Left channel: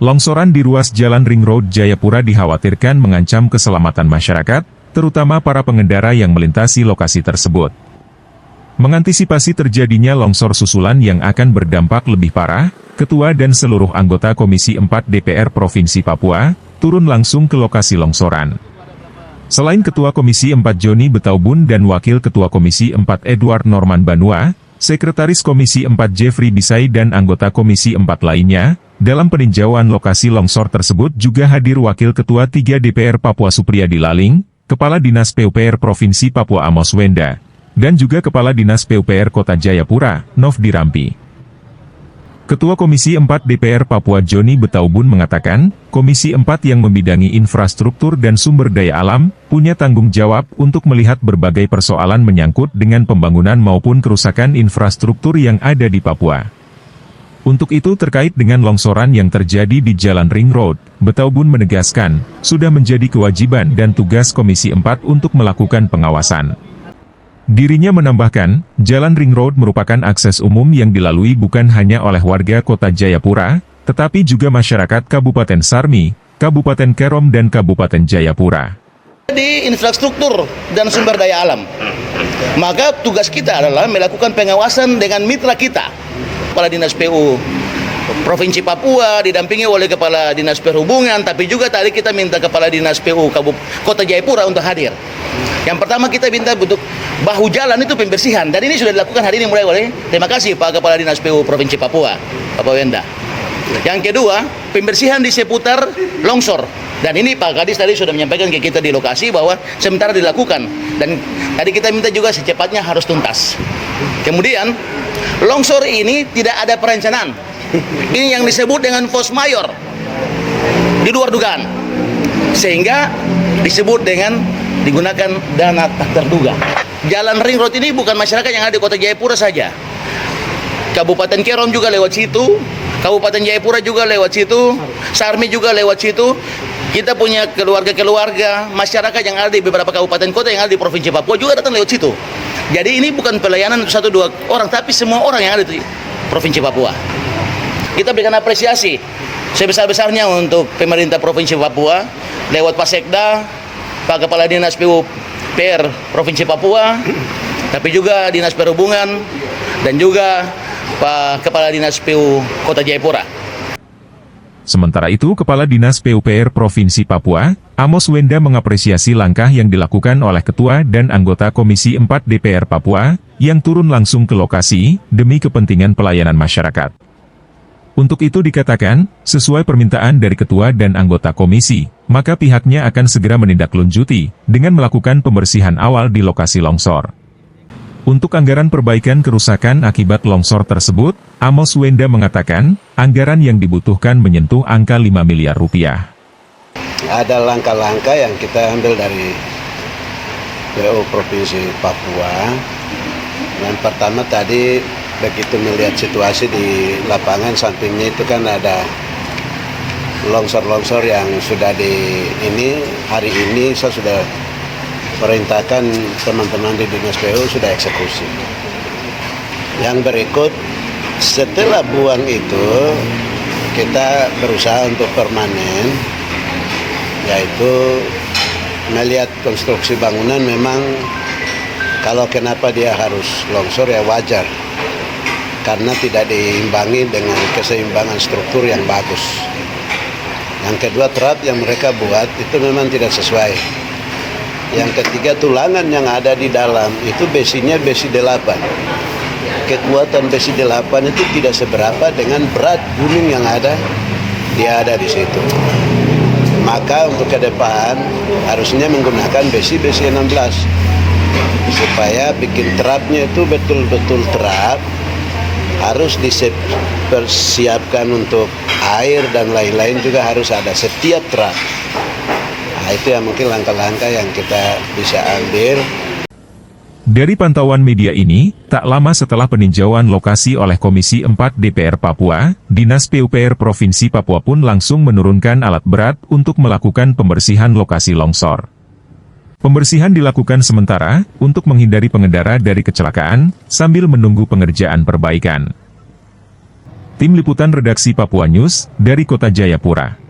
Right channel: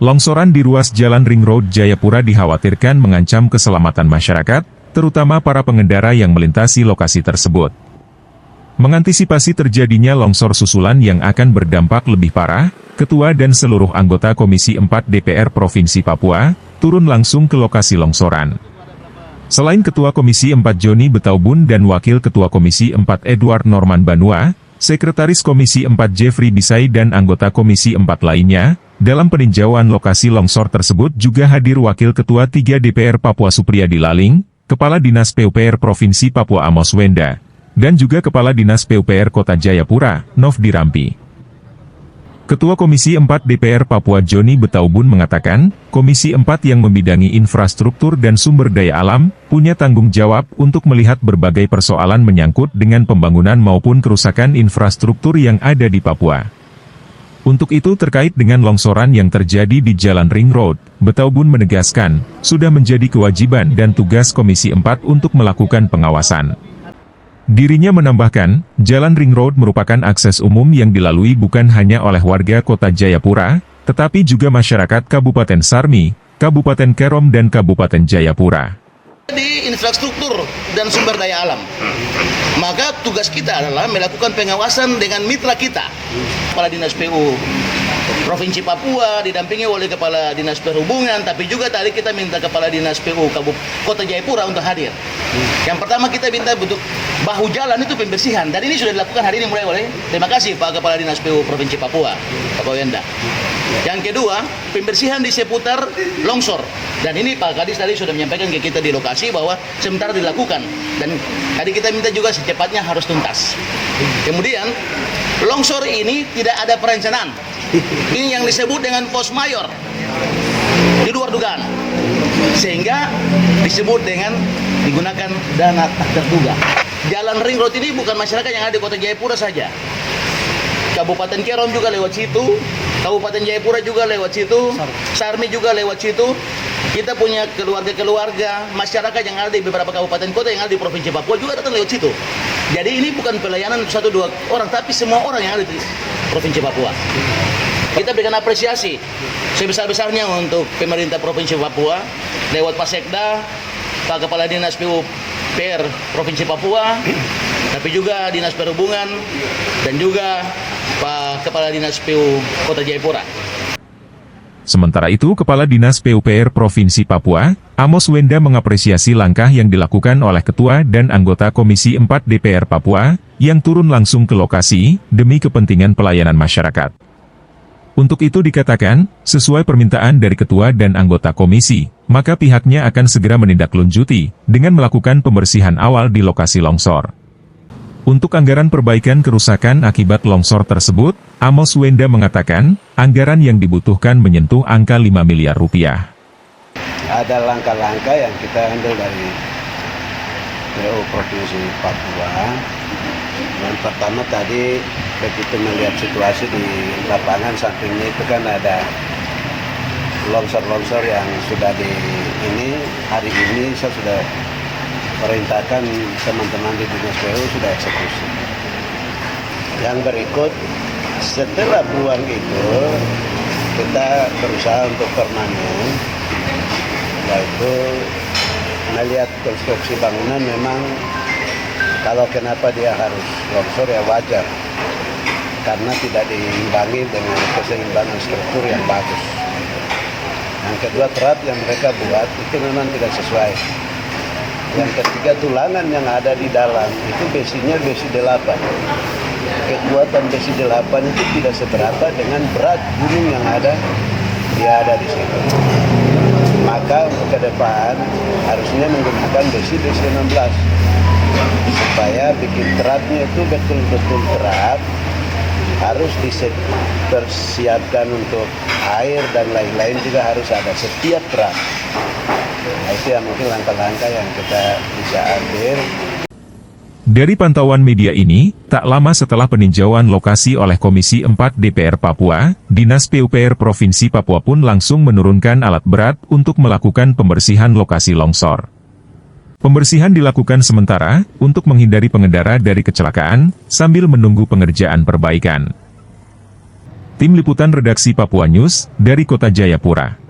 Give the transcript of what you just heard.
Longsoran di ruas Jalan Ring Road Jayapura dikhawatirkan mengancam keselamatan masyarakat, terutama para pengendara yang melintasi lokasi tersebut. Mengantisipasi terjadinya longsor susulan yang akan berdampak lebih parah, Ketua dan seluruh anggota Komisi 4 DPR Provinsi Papua turun langsung ke lokasi longsoran. Selain Ketua Komisi 4 Joni Betaubun dan Wakil Ketua Komisi 4 Edward Norman Banua, Sekretaris Komisi 4 Jeffrey Bisai dan anggota Komisi 4 lainnya, dalam peninjauan lokasi longsor tersebut juga hadir Wakil Ketua 3 DPR Papua Supriyadi Laling, Kepala Dinas PUPR Provinsi Papua Amos Wenda, dan juga Kepala Dinas PUPR Kota Jayapura, Nov Dirampi. Ketua Komisi 4 DPR Papua Joni Betaubun mengatakan, Komisi 4 yang membidangi infrastruktur dan sumber daya alam, punya tanggung jawab untuk melihat berbagai persoalan menyangkut dengan pembangunan maupun kerusakan infrastruktur yang ada di Papua. Untuk itu terkait dengan longsoran yang terjadi di Jalan Ring Road, Betaubun menegaskan, sudah menjadi kewajiban dan tugas Komisi 4 untuk melakukan pengawasan. Dirinya menambahkan, Jalan Ring Road merupakan akses umum yang dilalui bukan hanya oleh warga Kota Jayapura, tetapi juga masyarakat Kabupaten Sarmi, Kabupaten Kerom dan Kabupaten Jayapura. Di infrastruktur dan sumber daya alam, maka tugas kita adalah melakukan pengawasan dengan mitra kita, Kepala Dinas PU Provinsi Papua didampingi oleh Kepala Dinas Perhubungan, tapi juga tadi kita minta Kepala Dinas PU Kota Jayapura untuk hadir. Yang pertama kita minta untuk bahu jalan itu pembersihan, dan ini sudah dilakukan hari ini mulai oleh, terima kasih Pak Kepala Dinas PU Provinsi Papua, Pak Wenda. Yang kedua, pembersihan di seputar longsor. Dan ini Pak Kadis tadi sudah menyampaikan ke kita di lokasi bahwa sementara dilakukan. Dan tadi kita minta juga secepatnya harus tuntas. Kemudian, longsor ini tidak ada perencanaan. Ini yang disebut dengan force majeure. Di luar dugaan. Sehingga disebut dengan digunakan dana tak terduga. Jalan Ring Road ini bukan masyarakat yang ada di Kota Jayapura saja. Kabupaten Kerom juga lewat situ, Kabupaten Jayapura juga lewat situ, Sarmi juga lewat situ. Kita punya keluarga-keluarga, masyarakat yang ada di beberapa kabupaten kota yang ada di Provinsi Papua juga datang lewat situ. Jadi ini bukan pelayanan 1-2 orang, tapi semua orang yang ada di Provinsi Papua. Kita berikan apresiasi sebesar-besarnya untuk pemerintah Provinsi Papua, lewat Pak Sekda, Pak Kepala Dinas PUPR Provinsi Papua, tapi juga Dinas Perhubungan, dan juga Pak Kepala Dinas PU Kota Jayapura. Sementara itu, Kepala Dinas PUPR Provinsi Papua, Amos Wenda mengapresiasi langkah yang dilakukan oleh Ketua dan anggota Komisi 4 DPR Papua, yang turun langsung ke lokasi, demi kepentingan pelayanan masyarakat. Untuk itu dikatakan, sesuai permintaan dari Ketua dan anggota Komisi, maka pihaknya akan segera menindaklanjuti, dengan melakukan pembersihan awal di lokasi longsor. Untuk anggaran perbaikan kerusakan akibat longsor tersebut, Amos Wenda mengatakan, anggaran yang dibutuhkan menyentuh angka 5 miliar rupiah. Ada langkah-langkah yang kita ambil dari PU Provinsi Papua. Yang pertama tadi, begitu melihat situasi di lapangan, sampingnya itu kan ada longsor-longsor yang sudah hari ini saya sudah perintahkan teman-teman di Dinas PU sudah eksekusi. Yang berikut, setelah buang itu, kita berusaha untuk permanen, yaitu melihat konstruksi bangunan memang kalau kenapa dia harus longsor ya wajar, karena tidak diimbangi dengan keseimbangan struktur yang bagus. Yang kedua, trap yang mereka buat itu memang tidak sesuai. Yang ketiga, tulangan yang ada di dalam itu besinya besi 8. Kekuatan besi 8 itu tidak seberapa dengan berat gunung yang dia ada di situ. Maka untuk ke depan harusnya menggunakan besi-besi 16 supaya bikin trapnya itu betul-betul trap. Harus dipersiapkan untuk air dan lain-lain juga harus ada setiap trap. Nah, itu yang mungkin langkah-langkah yang kita bisa ambil. Dari pantauan media ini, tak lama setelah peninjauan lokasi oleh Komisi 4 DPR Papua, Dinas PUPR Provinsi Papua pun langsung menurunkan alat berat untuk melakukan pembersihan lokasi longsor. Pembersihan dilakukan sementara, untuk menghindari pengendara dari kecelakaan, sambil menunggu pengerjaan perbaikan. Tim Liputan Redaksi Papua News, dari Kota Jayapura.